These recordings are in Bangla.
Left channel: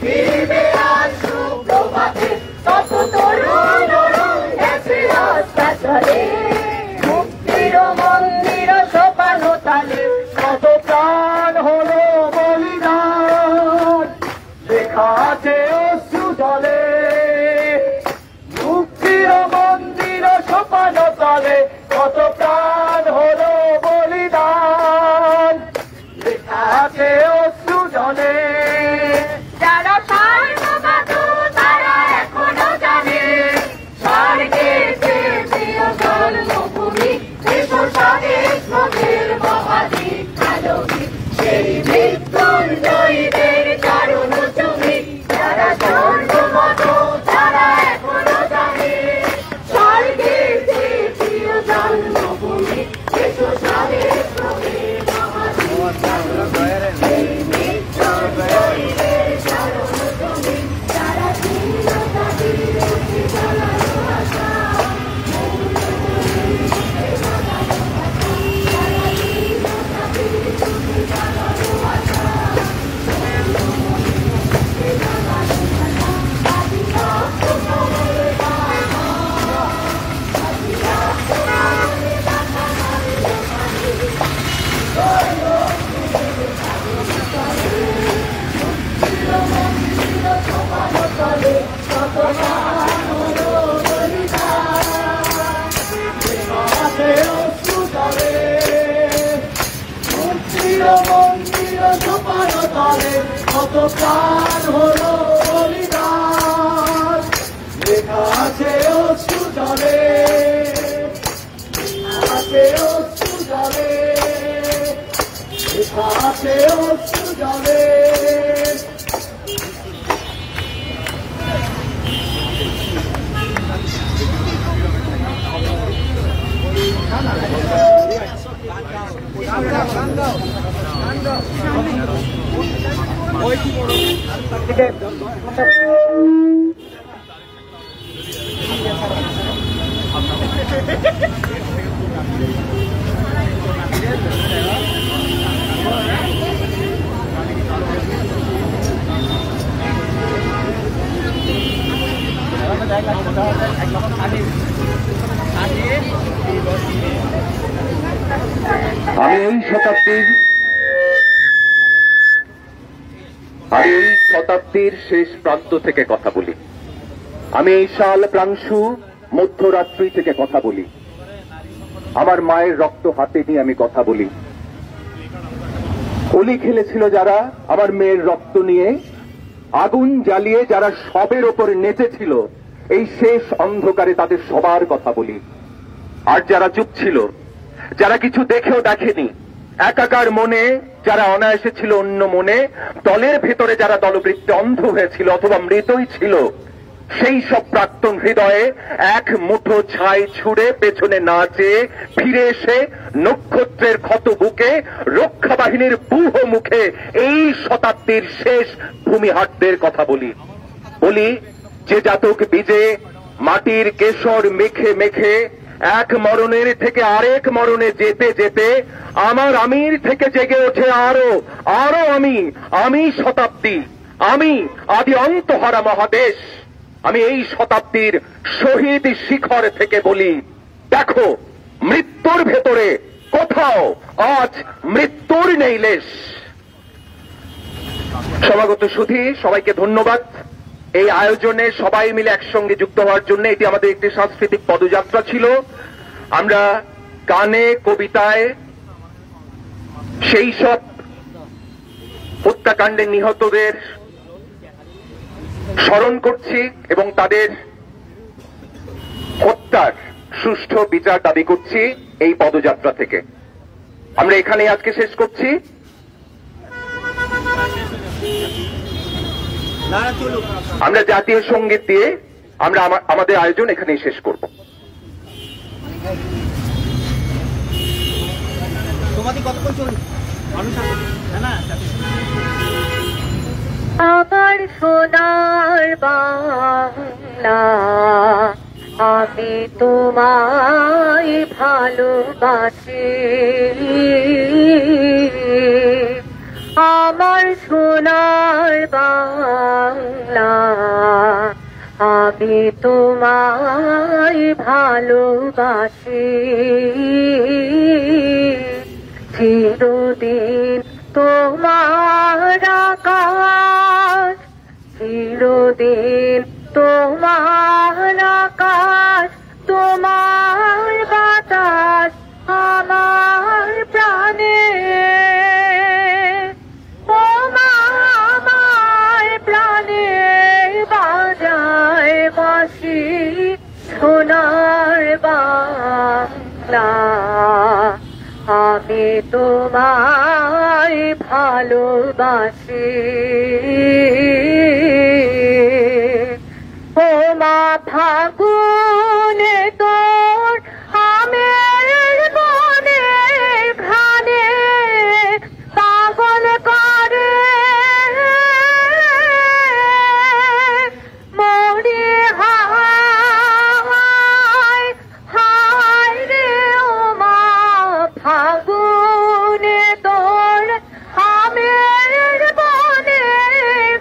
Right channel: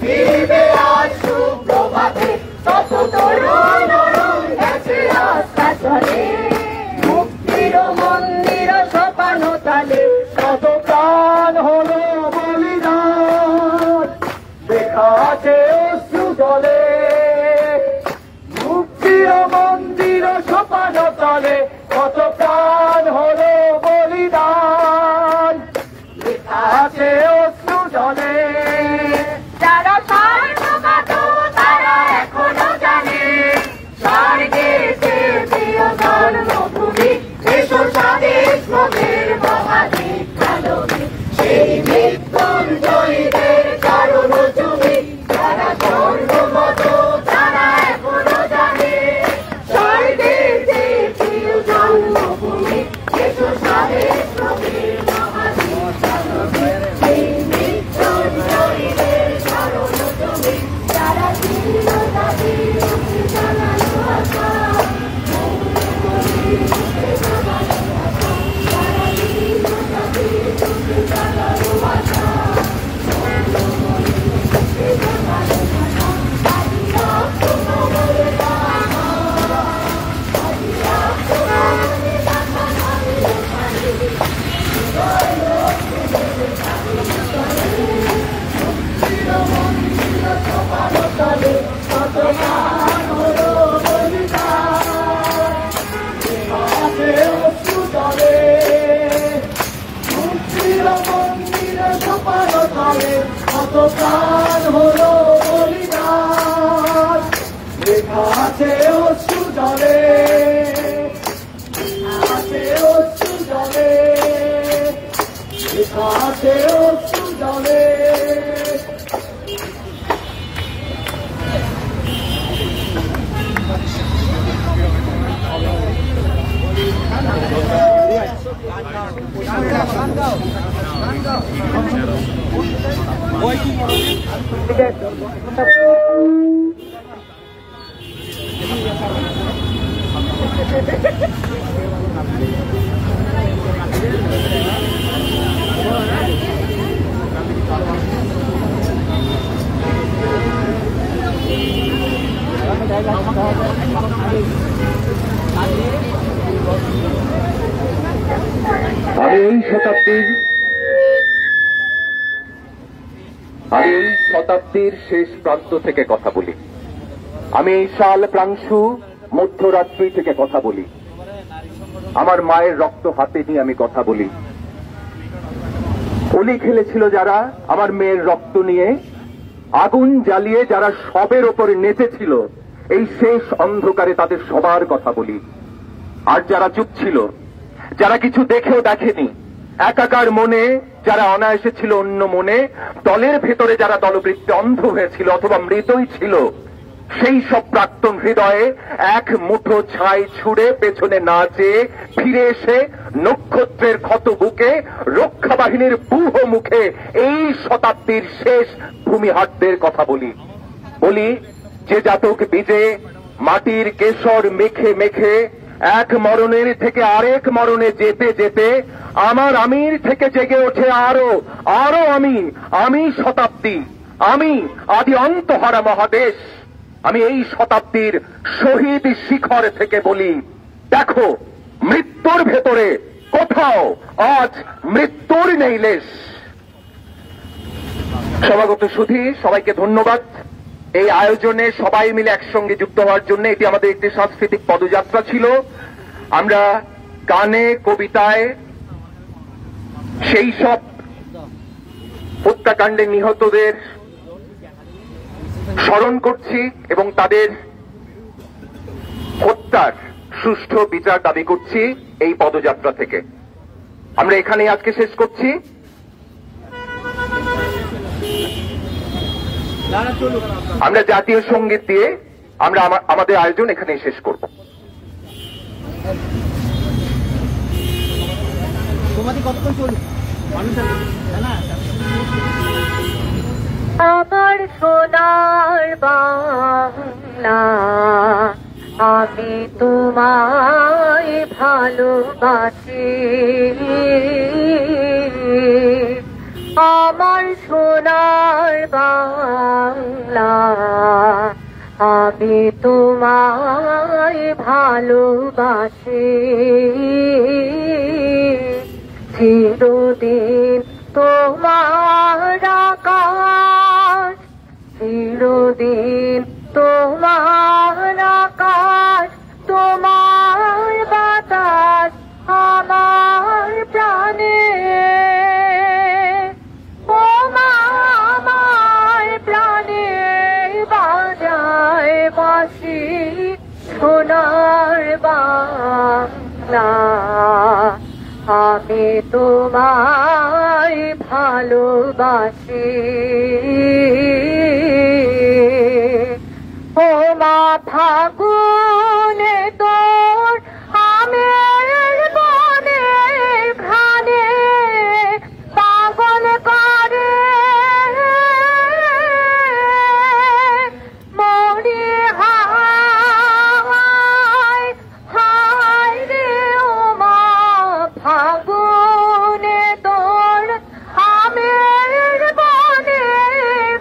ফিরবে আজ সুপ্রভাতে, কত তরুণ গেছে রাস্তা চলে, মুক্তির মন্দির সোপানো তালে, কত প্রাণ হলো বলিদান, লেখা আছে অশ্রু জলে। মুক্তির মন্দির সোপানো তালে, কত প্রাণ হলো বলিদান, লেখা আছে অশ্রু জলে। যারা সার্বভৌম তারা এখনো জানে, স্বর্গেতে প্রিয় জন্মভূমি, এসো স্বদেশ মোদের মহাদেব ভালোবি, সেই মৃত্যুঞ্জয়ীদের কারণ তুমি, যারা জন্মত তারা এখনো জানে, স্বর্গেতে প্রিয় জন্মভূমি, এসো স্বদেশ মোদের মহাদেব ভালোবি, সেই মৃত্যুঞ্জয়ীদের কারণ তুমি, যারা কত প্রাণ হলো বলিদান, লেখা আছে অশ্রু জলে, আছে অশ্রু জলে, লেখা আছে অশ্রু জলে। আমি এই শতাব্দীর শেষ প্রান্ত থেকে কথা বলি। আমি এই সাল প্রাংশু মধ্যরাত্রি থেকে কথা বলি। আমার মায়ের রক্ত হাতে নিয়ে আমি কথা বলি। হোলি খেলেছিল যারা আমার মেয়ের রক্ত নিয়ে, আগুন জ্বালিয়ে যারা সবের ওপরে নেচেছিল, এই শেষ অন্ধকারে তাদের সবার কথা বলি। আর যারা চুপ ছিল, যারা কিছু দেখেও দেখেনি, একাকার মনে যারা অনায়াসে ছিল অন্য মনে, দলের ভেতরে যারা দলবৃত্তে অন্ধ হয়েছিল অথবা মৃতই ছিল, সেই সব প্রাক্তন হৃদয়ে এক মুঠো ছাই ছুড়ে পেছনে না চেয়ে ফিরে এসে নক্ষত্রের ক্ষত বুকে রক্ষা বাহিনীর বুহ মুখে এই শতাব্দীর শেষ ভূমিহাটদের কথা বলি। বলি যে জাতক বীজে মাটির কেশর মেখে মেখে এক মরণের থেকে আরেক মরণে যেতে যেতে আমার আমির থেকে জেগে ওঠে আরো আরো আমি শতাব্দী, আমি আদি অন্তহারা মহাদেশ। আমি এই শতাব্দীর শহীদ শিখর থেকে বলি, দেখো মৃত্যুর ভেতরে কোথাও আজ মৃত্যুর নেই লেশ। সমাগত সুধী, সবাইকে ধন্যবাদ এই আয়োজনে সবাই মিলে একসঙ্গে যুক্ত হওয়ার জন্য। এটি আমাদের একটি সাংস্কৃতিক পদযাত্রা ছিল। আমরা গানে কবিতায় সেই সব হত্যাকাণ্ডে নিহতদের স্মরণ করছি এবং তাদের হত্যার সুষ্ঠু বিচার দাবি করছি এই পদযাত্রা থেকে। আমরা এখানেই আজকে শেষ করছি। আমরা জাতীয় সঙ্গীত দিয়ে আমরা আমাদের আয়োজন এখানেই শেষ করব। আমার সোনার বাংলা, আমি তোমায় ভালোবাসি। আমার সোনার বাংলা, আমি তোমায় ভালোবাসি চিরদিন তোমার আকাশ চিরদিন তোমার আকাশ তোমার বাতাস আমার প্রাণে আমার প্রাণে বাজায় বাঁশি সোনার বাংলা আমি তোমায় ভালোবাসি ও মা ফাগুনে তোর আমের বনে ঘ্রাণে পাগল করে মরি হায় হায় রে ও মা ফাগুনে তোর আমের বনে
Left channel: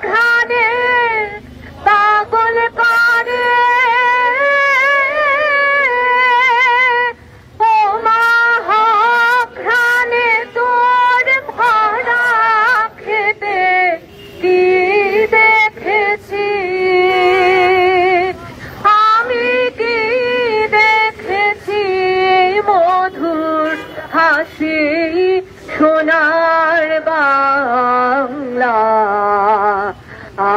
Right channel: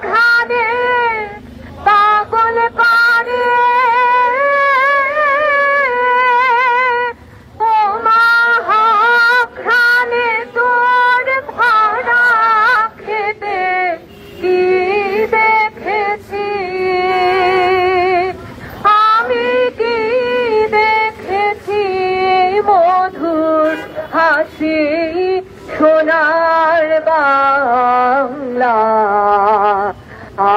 ঘ্রাণে পাগল করে ও মা ঘ্রাণে তোর ভরা খেতে কি দেখেছি আমি কি দেখেছি মধুর হাসি সোনার বাংলা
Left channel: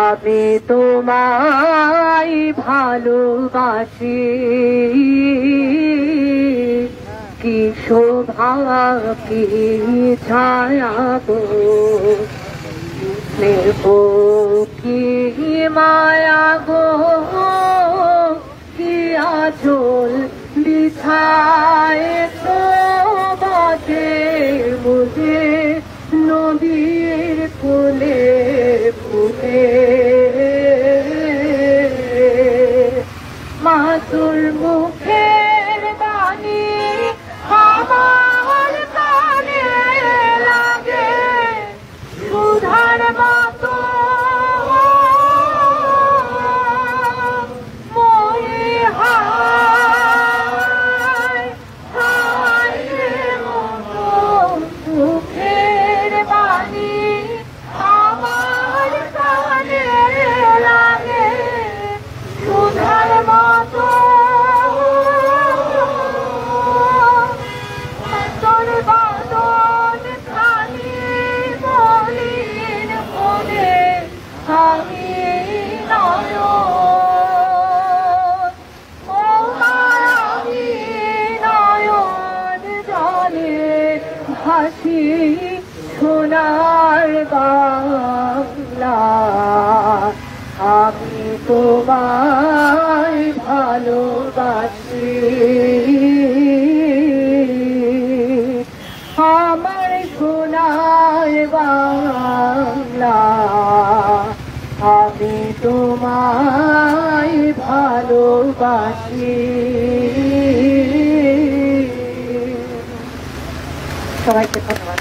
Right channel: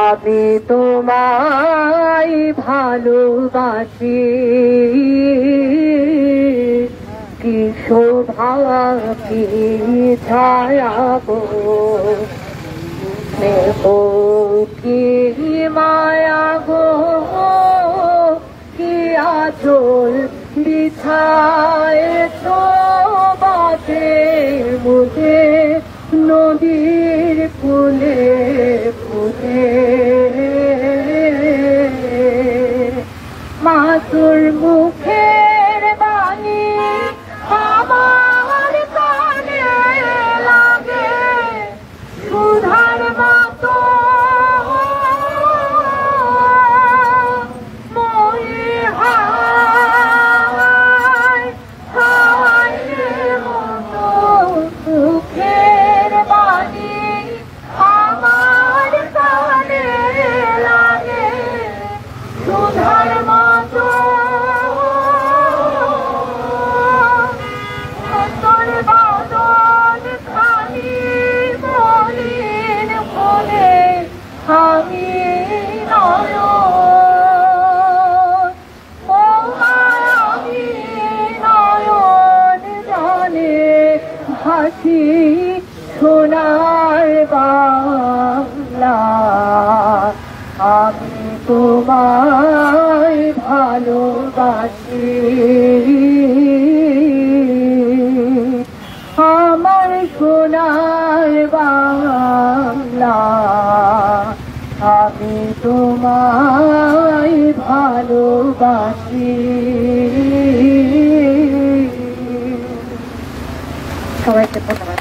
আমি তোমায় ভালোবাসি কি শোভা কি ছায়া গো স্নেহ কি মায়া গো কি আঁচল বিছায়েছ বাটে বুঝে নদীর কোলে ফুটে মাতুর মুখের বাণী আমার কানে লাগে সুধার মতো মনে হায় হায় মতো মুখের বাণী আমার কানে লাগে সুধার মতো তোর বদন খানি মলিন বলে আমি নয়ন জলে ভাসি সোনার বাংলা আমি তোমায় ভালোবাসি আমার সোনার বাংলা আমি তোমায় ভালোবাসি সবাইকে ধন্যবাদ।